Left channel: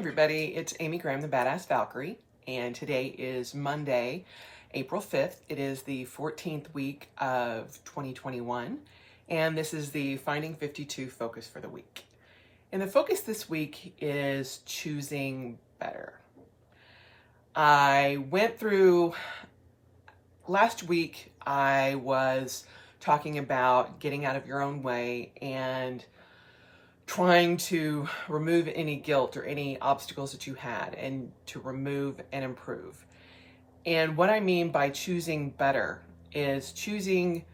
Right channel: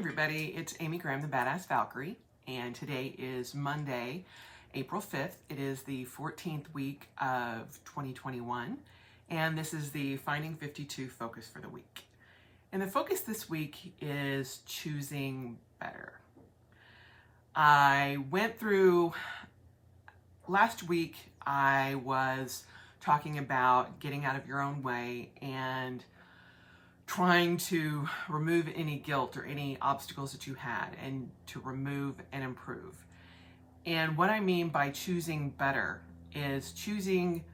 everybody, it's Amy Graham, the Badass Valkyrie, and today is Monday, April 5th. It is the 14th week of 2021, and this is the Finding 52 focus for the week. And the focus this week is choosing better. I went through, last week I was talking about getting out of your own way and trying to remove any guilt or any obstacles that you had and to remove and improve. And what I mean by choosing better is choosing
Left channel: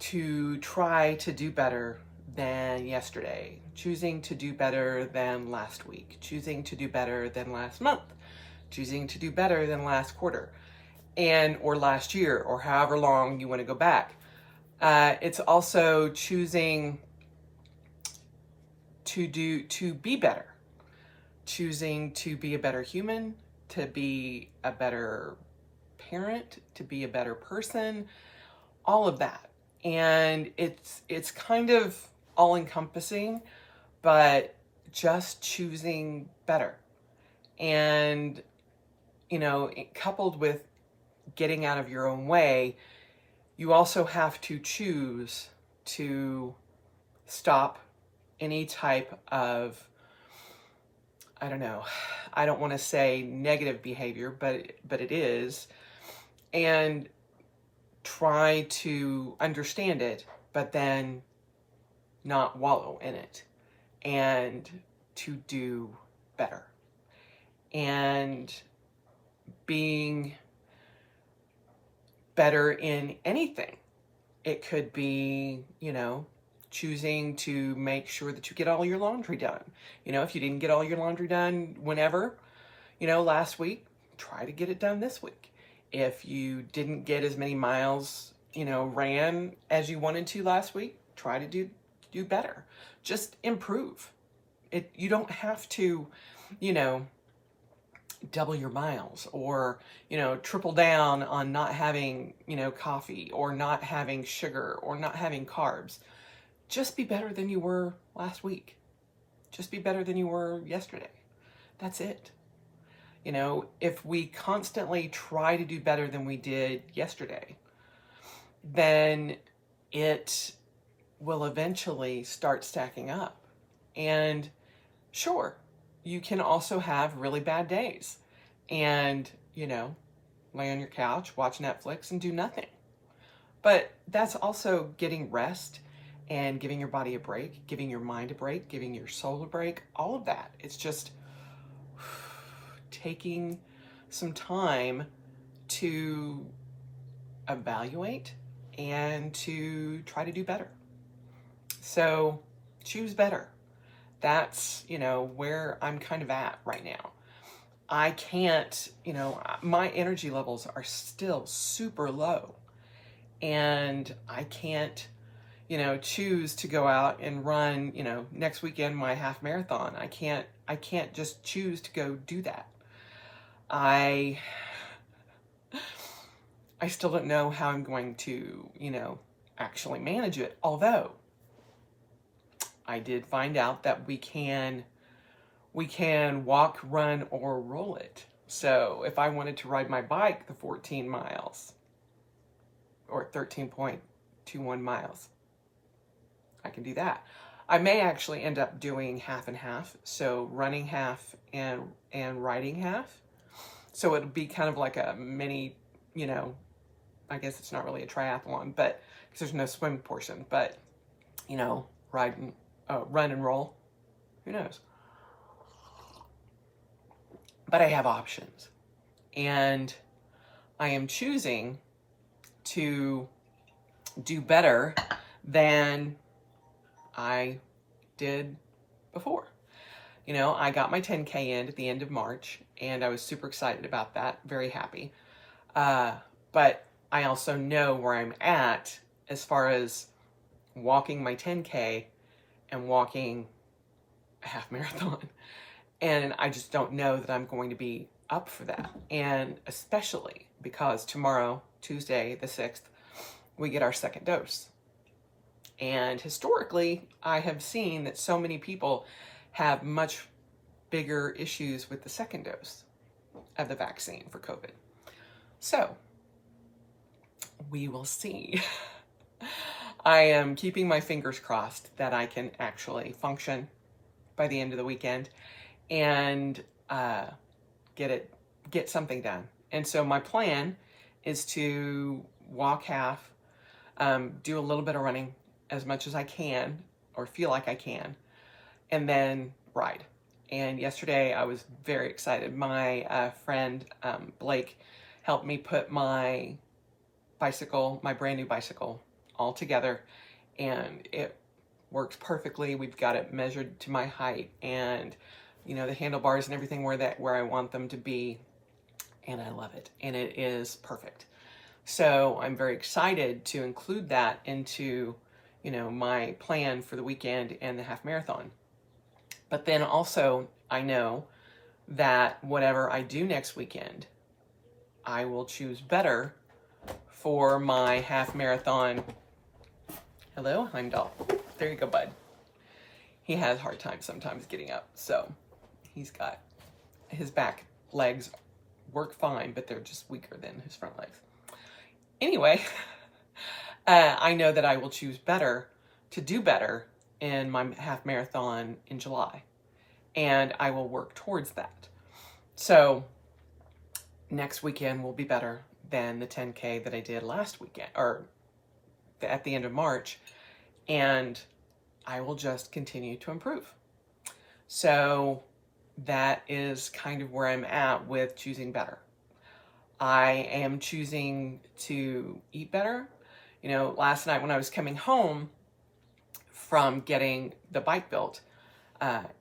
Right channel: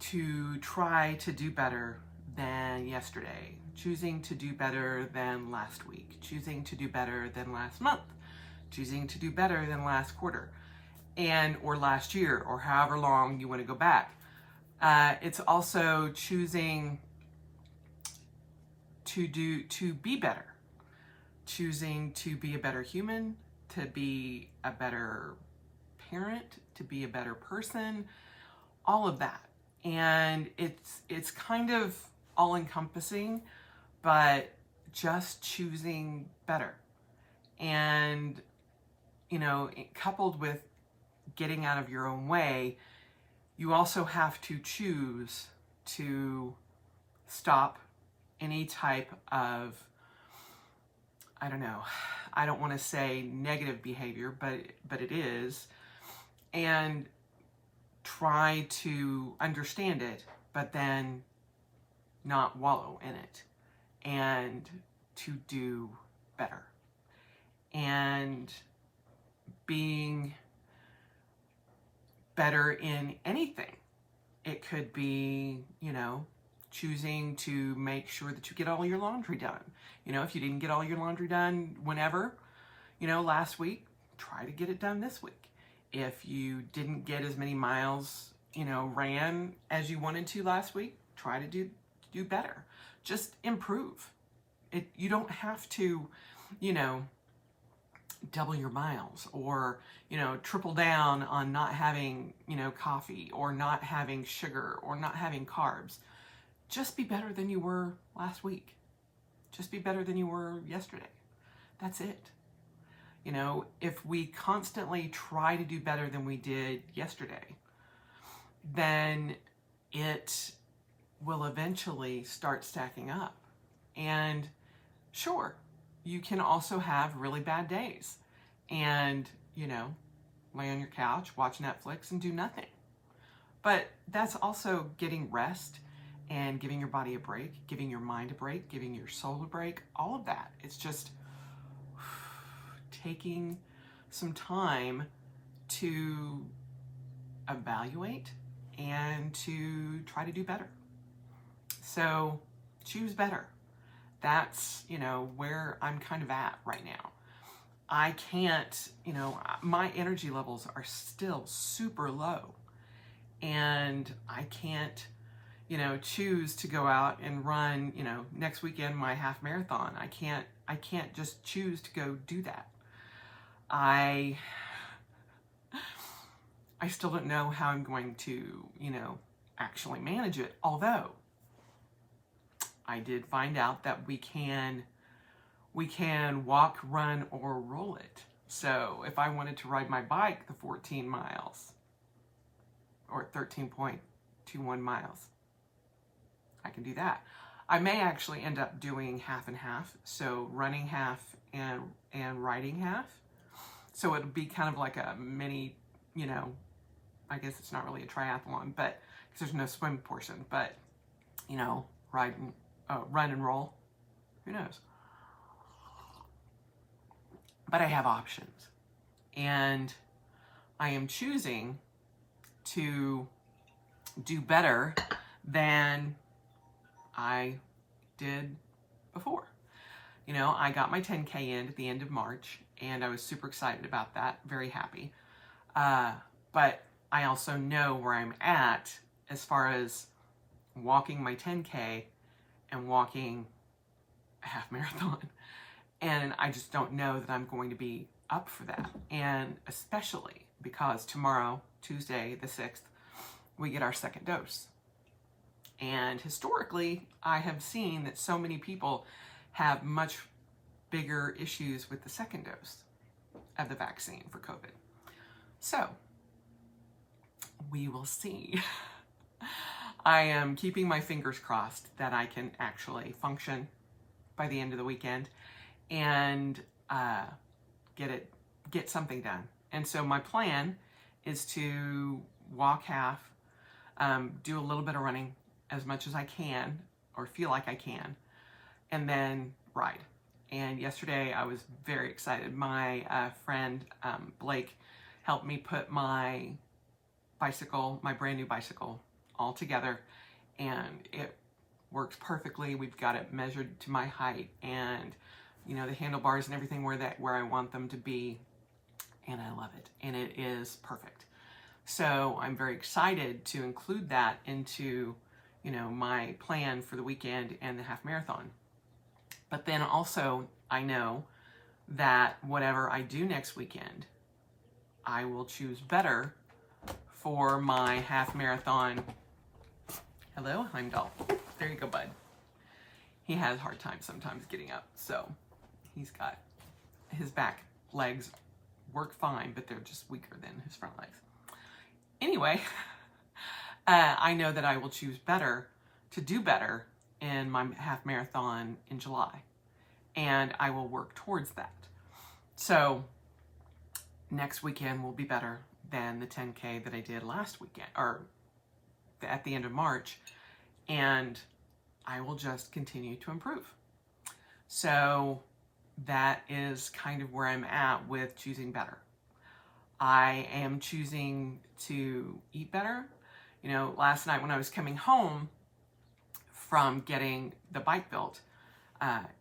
to try to do better than yesterday, choosing to do better than last week, choosing to do better than last month, choosing to do better than last quarter or last year, or however long you want to go back. It's also choosing to be better, choosing to be a better human, to be a better parent, to be a better person, all of that. And it's kind of all encompassing, but just choosing better. And, coupled with getting out of your own way, you also have to choose to stop any type of, I don't want to say negative behavior, but it is, and try to understand it, but then not wallow in it, and to do better. And being better in anything. It could be, choosing to make sure that you get all your laundry done. If you didn't get all your laundry done whenever, last week, try to get it done this week. If you didn't get as many miles, ran as you wanted to last week, try to do better. Just improve. You don't have to, double your miles or, triple down on not having, coffee or not having sugar or not having carbs. Just be better than you were last week. Just be better than you were yesterday. That's it. If we constantly try to do better than we did yesterday, then it will eventually start stacking up. And sure, you can also have really bad days and, lay on your couch, watch Netflix and do nothing. But that's also getting rest and giving your body a break, giving your mind a break, giving your soul a break, all of that. It's just taking some time to evaluate and to try to do better. So choose better. That's, where I'm kind of at right now. I can't, my energy levels are still super low, and I can't, choose to go out and run, next weekend my half marathon. I can't just choose to go do that. I still don't know how I'm going to, actually manage it. Although I did find out that we can walk, run, or roll it. So if I wanted to ride my bike the 14 miles or 13.21 miles, I can do that. I may actually end up doing half and half, so running half and riding half. So it'll be kind of like a mini, I guess it's not really a triathlon, but because there's no swim portion, but run and roll, who knows? But I have options, and I am choosing to do better than I did before. I got my 10K in at the end of March, and I was super excited about that, very happy. But I also know where I'm at as far as walking my 10K and walking a half marathon. And I just don't know that I'm going to be up for that. And especially because tomorrow, Tuesday the 6th, we get our second dose. And historically, I have seen that so many people have much bigger issues with the second dose of the vaccine for COVID. So we will see. I am keeping my fingers crossed that I can actually function by the end of the weekend and get something done. And so my plan is to walk half, do a little bit of running as much as I can or feel like I can, and then ride. And yesterday I was very excited. My friend Blake helped me put my bicycle, my brand new bicycle, all together, and it works perfectly. We've got it measured to my height, and the handlebars and everything where I want them to be, and I love it, and it is perfect. So I'm very excited to include that into my plan for the weekend and the half marathon. But then also I know that whatever I do next weekend, I will choose better for my half marathon. Hello, Heimdall. There you go, bud. He has a hard time sometimes getting up, so he's got his back legs work fine, but they're just weaker than his front legs. Anyway, I know that I will choose better to do better in my half marathon in July, and I will work towards that. So next weekend will be better than the 10K that I did last weekend, or at the end of March, and I will just continue to improve. So that is kind of where I'm at with choosing better. I am choosing to eat better. Last night when I was coming home from getting the bike built,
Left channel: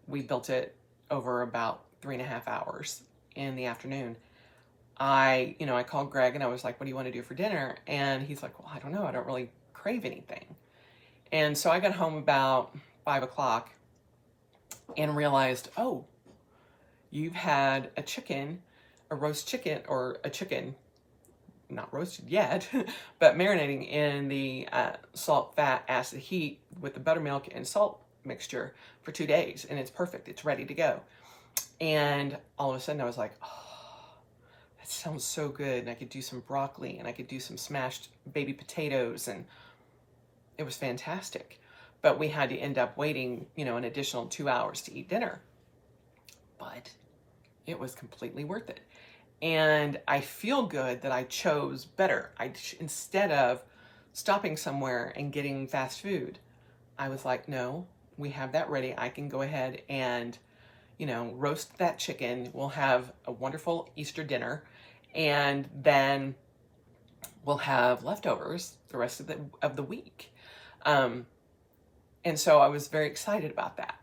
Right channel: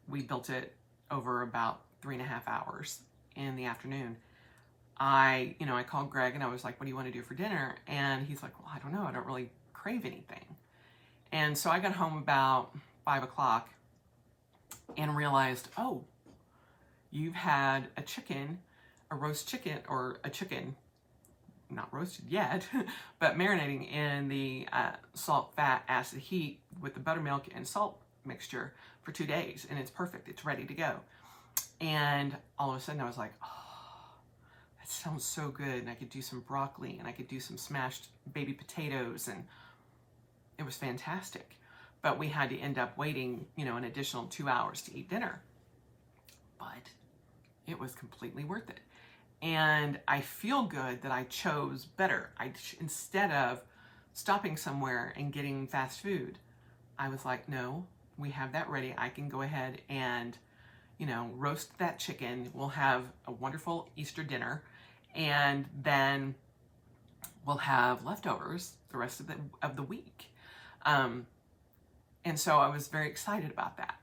we built it over about 3.5 hours in the afternoon. I called Greg and I was like, what do you want to do for dinner? And he's like, well, I don't know. I don't really crave anything. And so I got home about 5 o'clock and realized, oh, you've had a roast chicken, or a chicken, not roasted yet, but marinating in the salt, fat, acid, heat with the buttermilk and salt mixture for 2 days. And it's perfect. It's ready to go. And all of a sudden I was like, oh, that sounds so good. And I could do some broccoli and I could do some smashed baby potatoes, and it was fantastic. But we had to end up waiting, an additional 2 hours to eat dinner. But it was completely worth it. And I feel good that I chose better. Instead of stopping somewhere and getting fast food, I was like, no, we have that ready. I can go ahead and, roast that chicken. We'll have a wonderful Easter dinner, and then we'll have leftovers the rest of the week. And so I was very excited about that.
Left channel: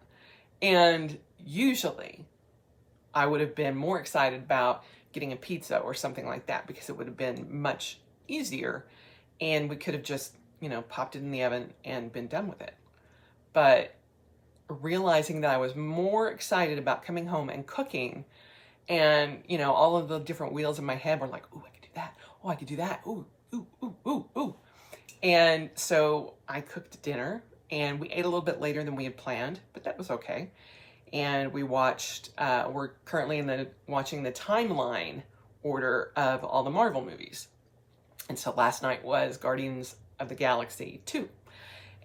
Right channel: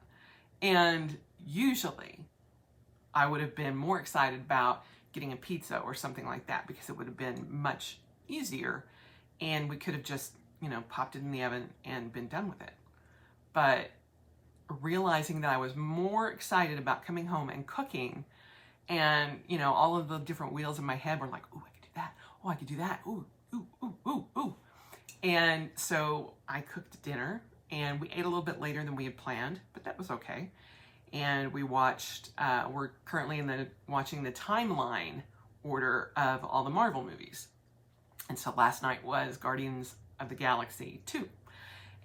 And usually I would have been more excited about getting a pizza or something like that, because it would have been much easier and we could have just, popped it in the oven and been done with it. But realizing that I was more excited about coming home and cooking, and, all of the different wheels in my head were like, ooh, I could do that. Oh, I could do that. Ooh, ooh, ooh, ooh, ooh. And so I cooked dinner, and we ate a little bit later than we had planned, but that was okay. And we watched, we're currently watching the timeline order of all the Marvel movies. And so last night was Guardians of the Galaxy 2.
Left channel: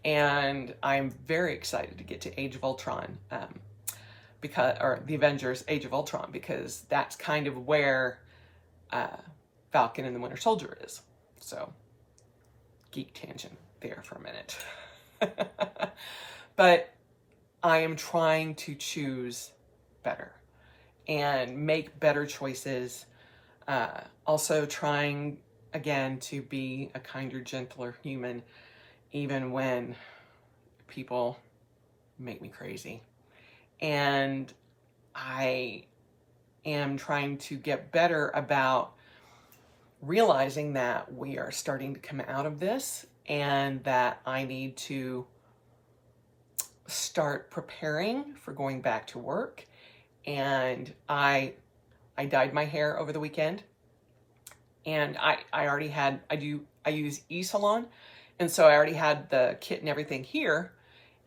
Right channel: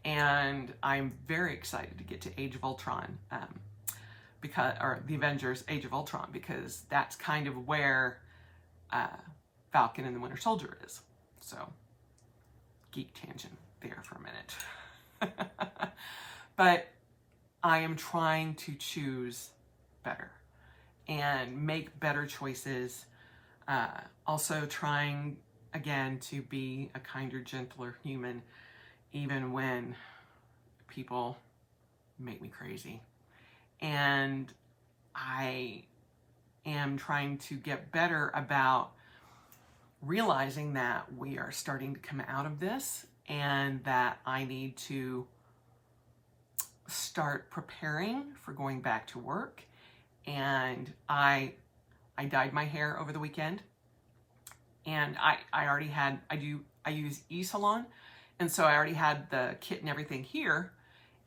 And I'm very excited to get to Age of Ultron, or the Avengers Age of Ultron, because that's kind of where Falcon and the Winter Soldier is. So, geek tangent there for a minute. But I am trying to choose better and make better choices. Also trying, again, to be a kinder, gentler human, even when people make me crazy. And I am trying to get better about realizing that we are starting to come out of this, and that I need to start preparing for going back to work. And I dyed my hair over the weekend, and I already had, I use e-salon, and so I already had the kit and everything here,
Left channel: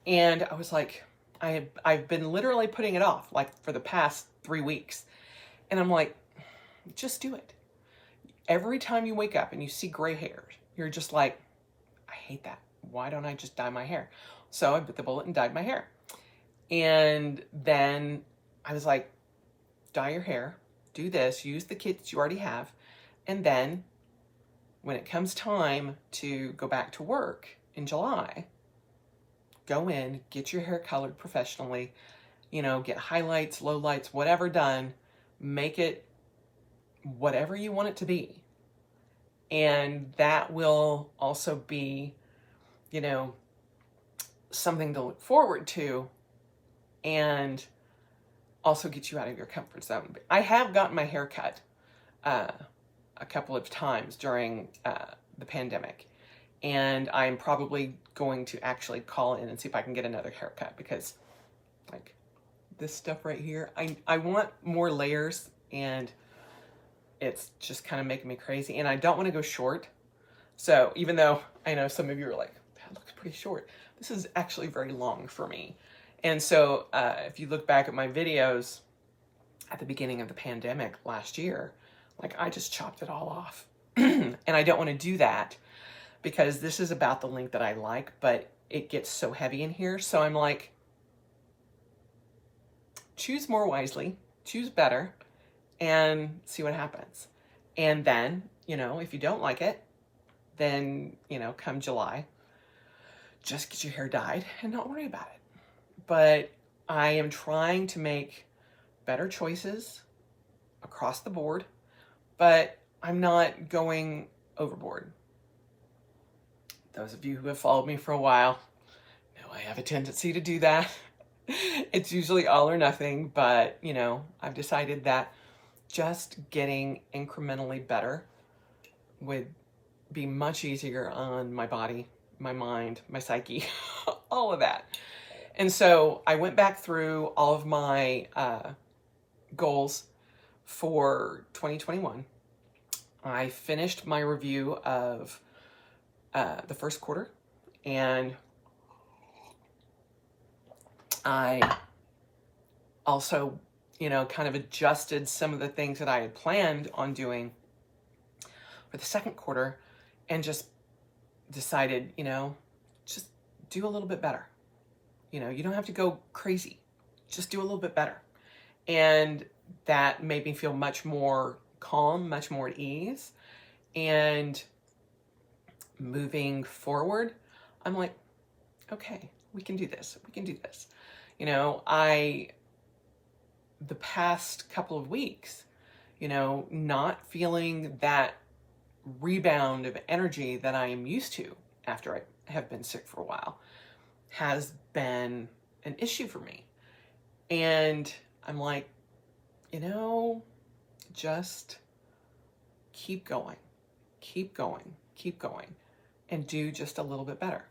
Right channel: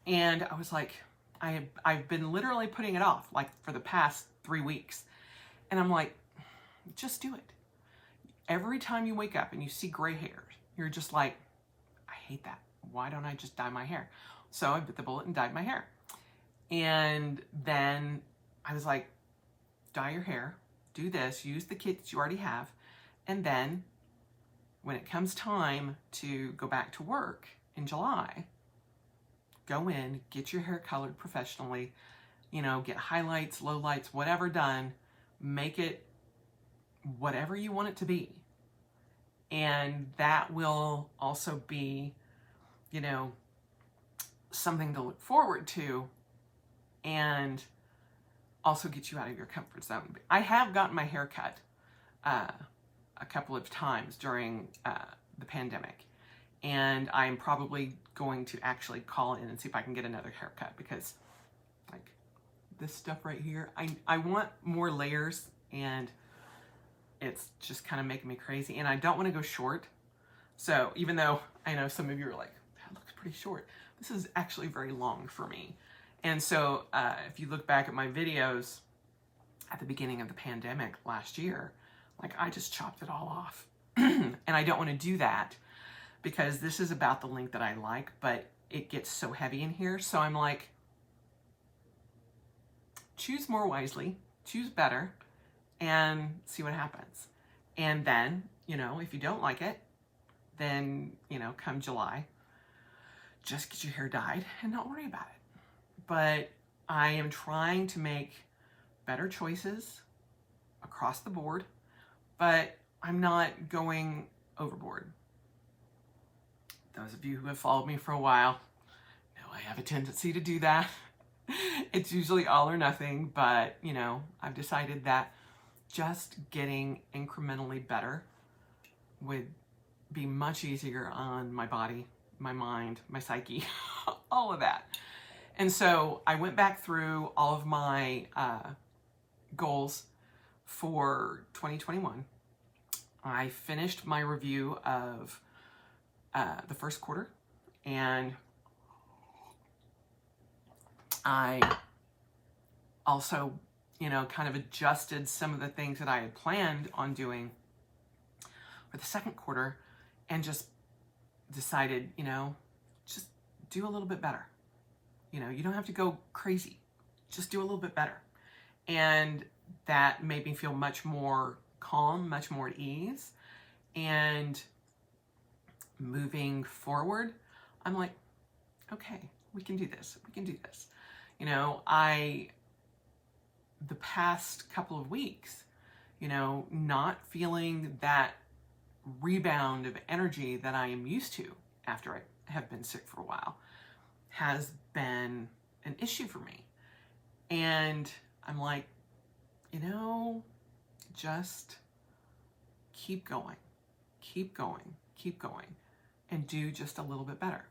and I was like, I've been literally putting it off like for the past 3 weeks. And I'm like, just do it. Every time you wake up and you see gray hairs, you're just like, I hate that. Why don't I just dye my hair? So I bit the bullet and dyed my hair. And then I was like, dye your hair, do this, use the kits you already have. And then when it comes time to go back to work in July, go in, get your hair colored professionally, get highlights, lowlights, whatever done, make it whatever you want it to be. And that will also be, something to look forward to and also get you out of your comfort zone. I have gotten my hair cut a couple of times during the pandemic. And I'm probably going to actually call in and see if I can get another haircut, because like this stuff right here, I want more layers, and it's just kind of making me crazy. And I don't want to go short. So even though I know some of you are like, that looks pretty short, this is actually very long for me. And so if you look back at my videos at the beginning of the pandemic last year, like I just chopped it all off. And I don't want to do that, because this is about the length that I like, but it gets so heavy in here. So I'm like, choose more wisely, choose better, and see what happens. And then, if you don't like it, then, come July, just get your hair dyed and don't worry about it. But I am trying to make better choices across the board, but I'm not going overboard. Those of you who have followed me for a while know I have a tendency to do that. It's usually all or nothing, but I've decided that just getting incrementally better would be much easier on my body, my mind, my psyche, all of that. And so I went back through all of my goals for 2021. I finished my review of the first quarter, and I also, kind of adjusted some of the things that I had planned on doing for the second quarter, and just decided, just do a little bit better. You don't have to go crazy, just do a little bit better. And that made me feel much more calm, much more at ease. And moving forward, I'm like, okay, we can do this. We can do this. The past couple of weeks, not feeling that rebound of energy that I am used to after I have been sick for a while has been an issue for me. And I'm like, just keep going, keep going, keep going, and do just a little bit better.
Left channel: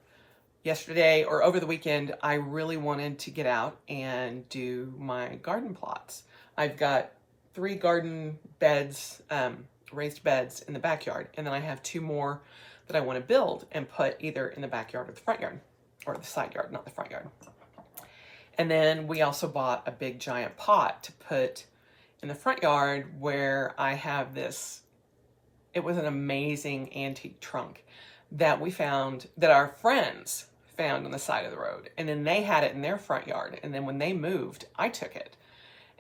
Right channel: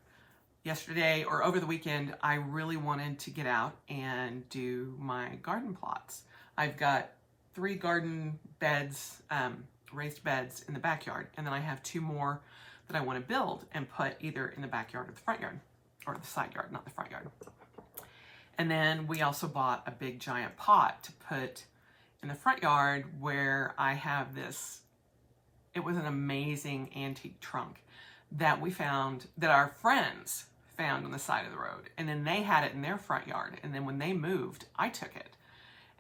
Yesterday or over the weekend, I really wanted to get out and do my garden plots. I've got 3 garden beds, raised beds in the backyard, and then I have 2 more that I want to build and put either in the backyard or the front yard, or the side yard, not the front yard. And then we also bought a big giant pot to put in the front yard, where I have this, it was an amazing antique trunk that we found, that our friends found on the side of the road. And then they had it in their front yard. And then when they moved, I took it.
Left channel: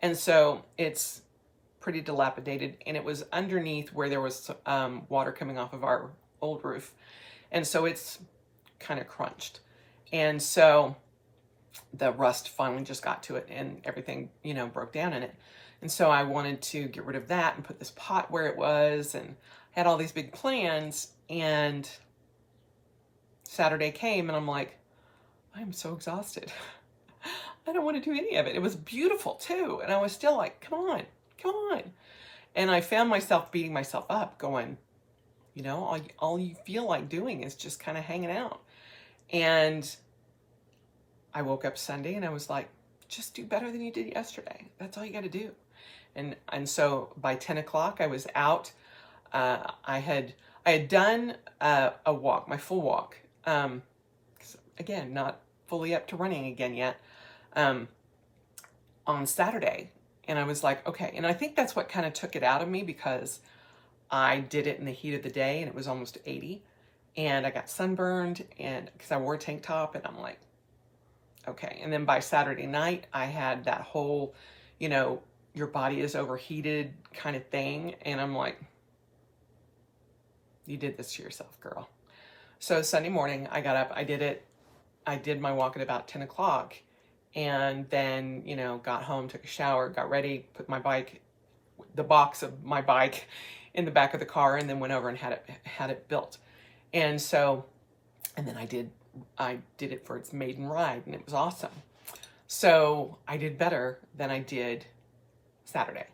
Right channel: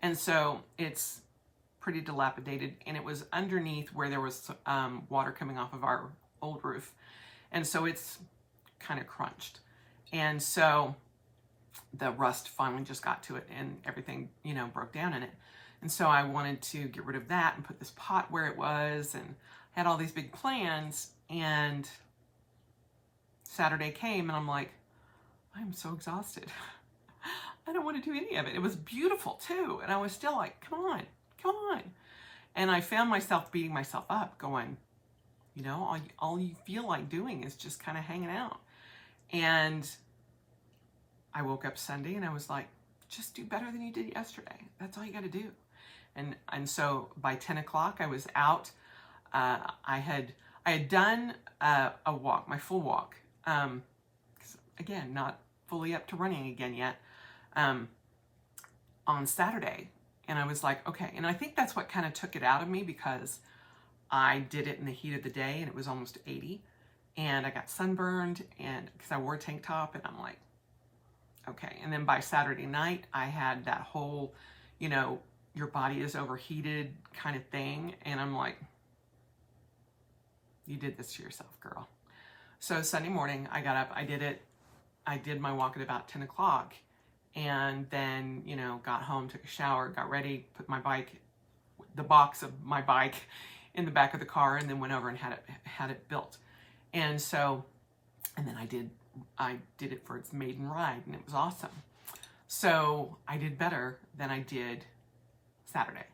And so it's pretty dilapidated, and it was underneath where there was water coming off of our old roof. And so it's kind of crunched. And so the rust finally just got to it, and everything, broke down in it. And so I wanted to get rid of that and put this pot where it was, and had all these big plans. And Saturday came, and I'm like, I'm so exhausted. I don't want to do any of it. It was beautiful too. And I was still like, come on, come on. And I found myself beating myself up, going, all you feel like doing is just kind of hanging out. And I woke up Sunday and I was like, just do better than you did yesterday. That's all you got to do. And so by 10 o'clock I was out. I had done a walk, my full walk. 'Cause again, not fully up to running again yet. um, on Saturday. And I was like, okay. And I think that's what kind of took it out of me, because I did it in the heat of the day and it was almost 80. And I got sunburned, and because I wore a tank top, and I'm like, okay. And then by Saturday night, I had that whole, your body is overheated kind of thing. And I'm like, you did this to yourself, girl. So Sunday morning, I got up, I did it. I did my walk at about 10 o'clock, and then, got home, took a shower, got ready, put the box of my bike in the back of the car, and then went over and had it built. And so, and then I did it for its maiden ride, and it was awesome. So I did better than I did Saturday,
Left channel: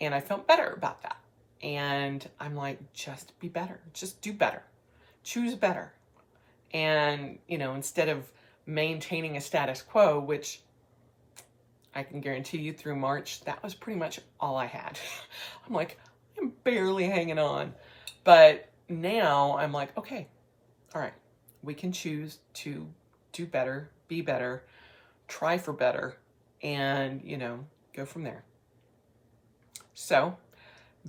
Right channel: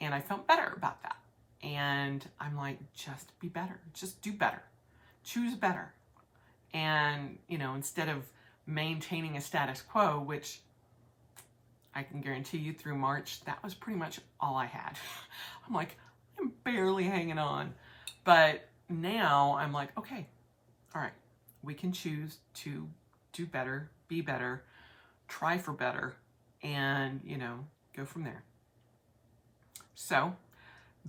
and I felt better about that. And I'm like, just be better, just do better, choose better. And, instead of maintaining a status quo, which I can guarantee you through March, that was pretty much all I had. I'm like, I'm barely hanging on. But now I'm like, okay, all right, we can choose to do better, be better, try for better, and, go from there. So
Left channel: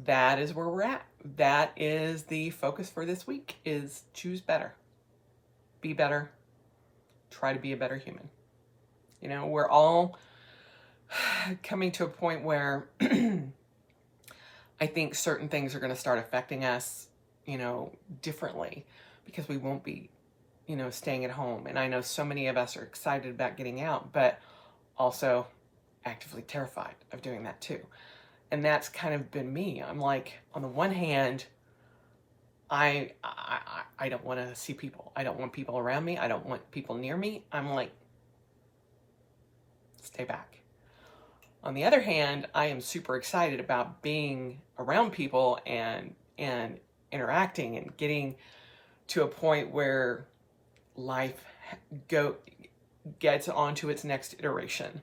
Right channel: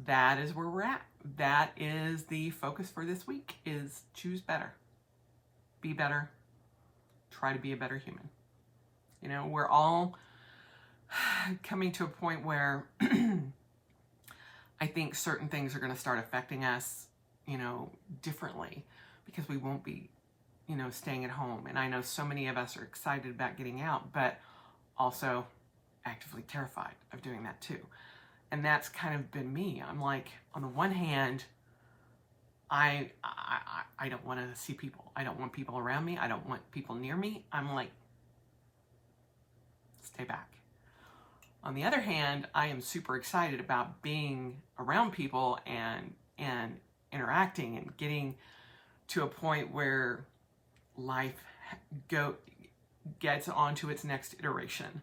that is where we're at. That is the focus for this week, is choose better, be better, try to be a better human. We're all coming to a point where I think certain things are going to start affecting us, differently, because we won't be, staying at home. And I know so many of us are excited about getting out, but also actively terrified of doing that too. And that's kind of been me. I'm like, on the one hand, I don't want to see people. I don't want people around me. I don't want people near me. I'm like, stay back. On the other hand, I am super excited about being around people and interacting and getting to a point where life gets onto its next iteration.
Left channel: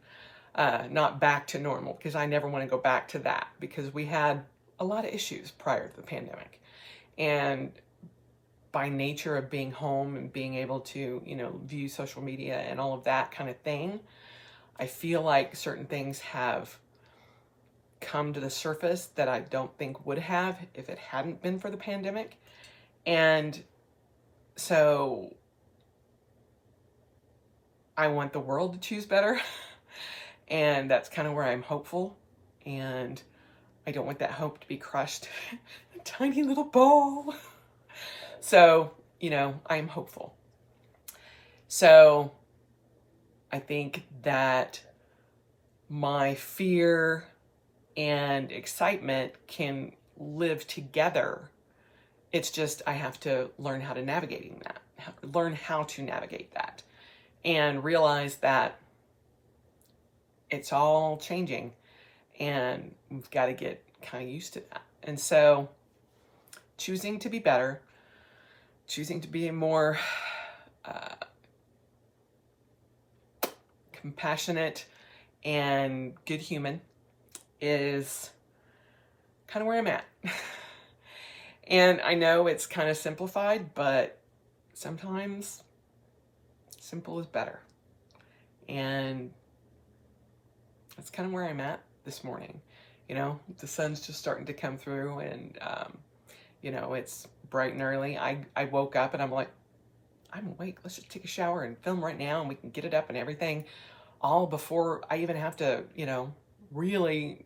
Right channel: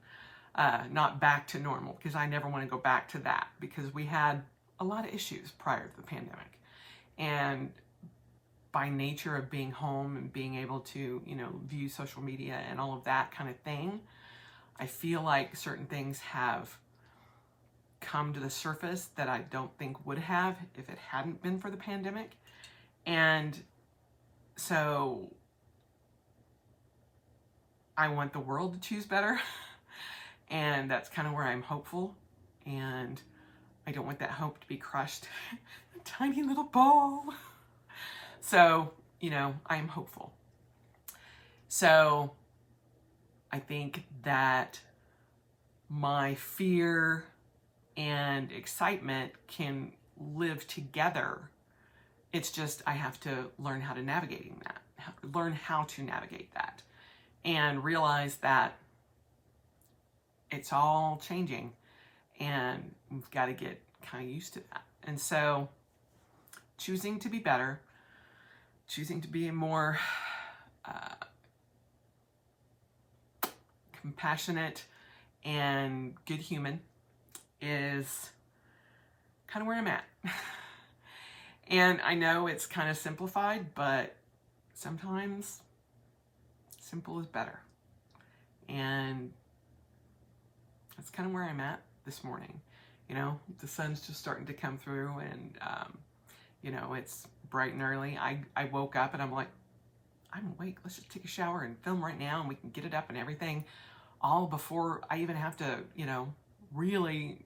Not back to normal, because I never want to go back to that, because we had a lot of issues prior to the pandemic. And by nature of being home and being able to, view social media and all of that kind of thing, I feel like certain things have come to the surface that I don't think would have if it hadn't been for the pandemic. And so I want the world to choose better. And that's kind of where I'm hopeful. And I don't want that hope to be crushed. A tiny little ball. So, I'm hopeful. So I think that my fear and excitement can live together. It's just, I have to learn how to navigate that, and realize that it's all changing, and we've got to get kind of used to that. And so choosing to be better, choosing to be a more compassionate and good human is kind of where I'm at. And I know it's kind of simplified, but sometimes simple is better. And that's kind of where I'm at this morning. The sun's just starting to come through, and it's bright and early. I woke up and I'm like, I'm awake. Let's just take a shower and film right now, and we can get it up and everything, all before I even have to, really,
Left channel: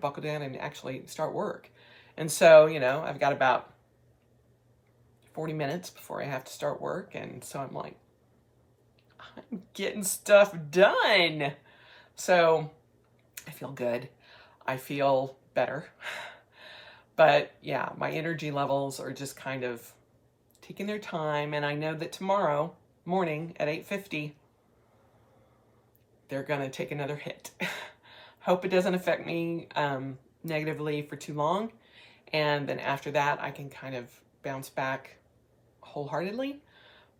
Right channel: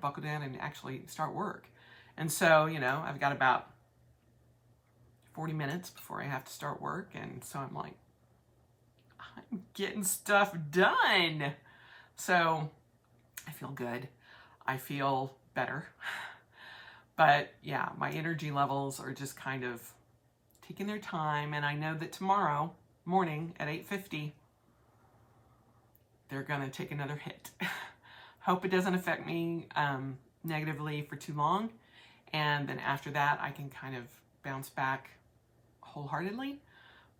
buckle down and actually start work. And so, I've got about 40 minutes before I have to start work. And so I'm like, I'm getting stuff done. So I feel good. I feel better. But yeah, my energy levels are just kind of taking their time. And I know that tomorrow morning at 8:50, they're going to take another hit. Hope it doesn't affect me negatively for too long. And then after that, I can kind of bounce back wholeheartedly.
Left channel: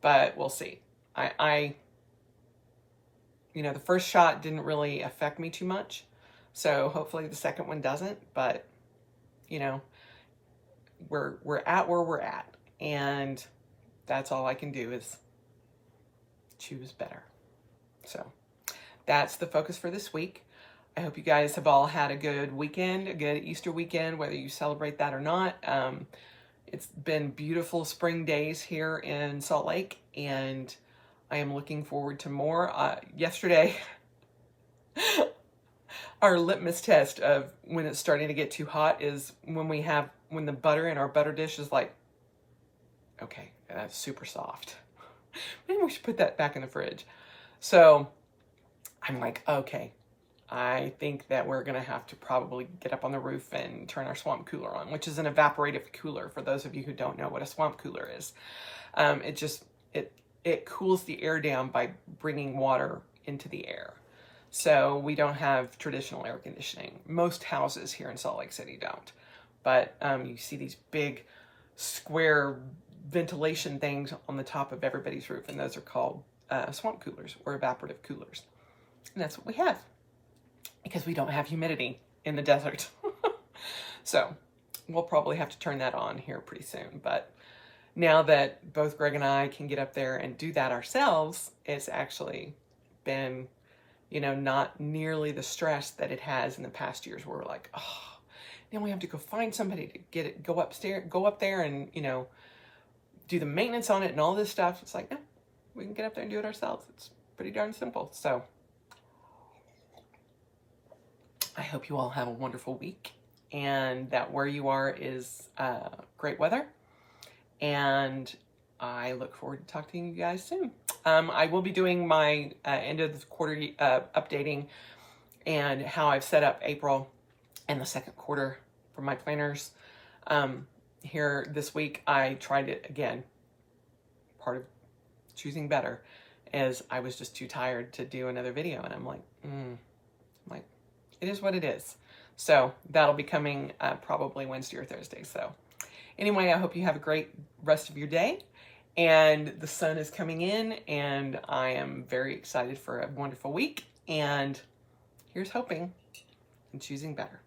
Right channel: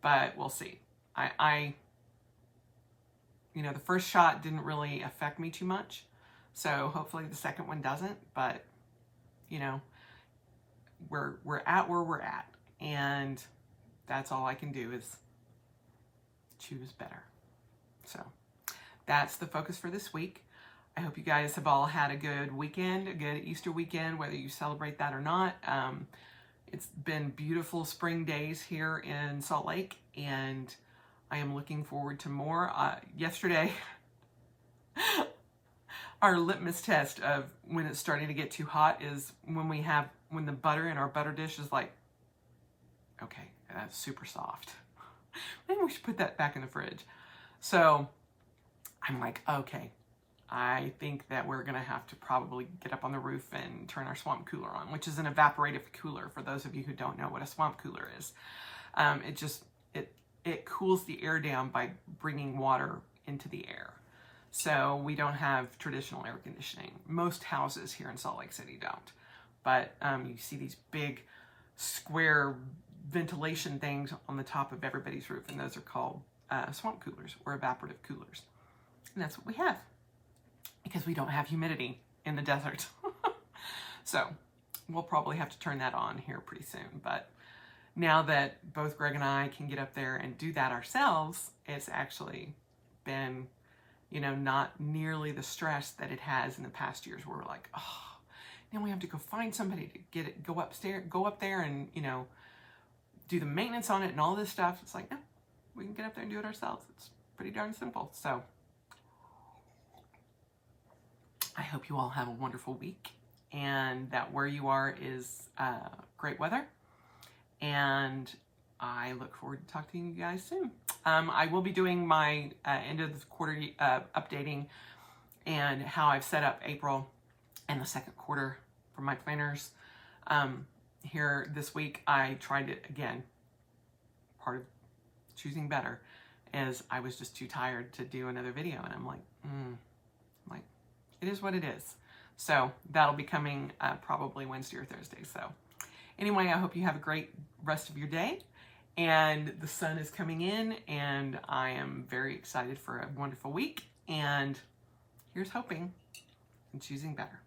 But we'll see. The first shot didn't really affect me too much. So hopefully the second one doesn't. But, we're at where we're at. And that's all I can do is choose better. So that's the focus for this week. I hope you guys have all had a good weekend, a good Easter weekend, whether you celebrate that or not. It's been beautiful spring days here in Salt Lake, and I am looking forward to more. Yesterday, our litmus test of when it's starting to get too hot is when the butter in our butter dish is like, okay, that's super soft. Maybe we should put that back in the fridge. So I'm like, okay, I think that we're gonna have to probably get up on the roof and turn our swamp cooler on, which is an evaporative cooler. For those of you who don't know what a swamp cooler is, it cools the air down by bringing water into the air. So we don't have traditional air conditioning. Most houses here in Salt Lake City don't, but you see these big square ventilation things on the top of everybody's roof, and those are called swamp coolers or evaporative coolers. And that's what we have, because we don't have humidity in the desert. So we'll probably have to turn that on here pretty soon. But now that both Greg and I can get up there and do that ourselves, it's actually been, not nearly the stress that it has in the past years, where we're like, oh, now we have to go find somebody to go up there and, do the maintenance on it and all this stuff. It's like, no, we can get up there and do it ourselves. It's pretty darn simple. So I hope you all have a wonderful week, and that where you are is great weather. And I look forward to talking to you guys soon. I will be doing my end of the quarter updating and how I've set up April and the second quarter for my planners. Here this week, I tried it again. Part of choosing better is I was just too tired to do another video, and I'm like, it is what it is. So that'll be coming probably Wednesday or Thursday. So anyway, I hope you have a great rest of your day, and the sun is coming in, and I am very excited for a wonderful week, and here's hoping and choosing better.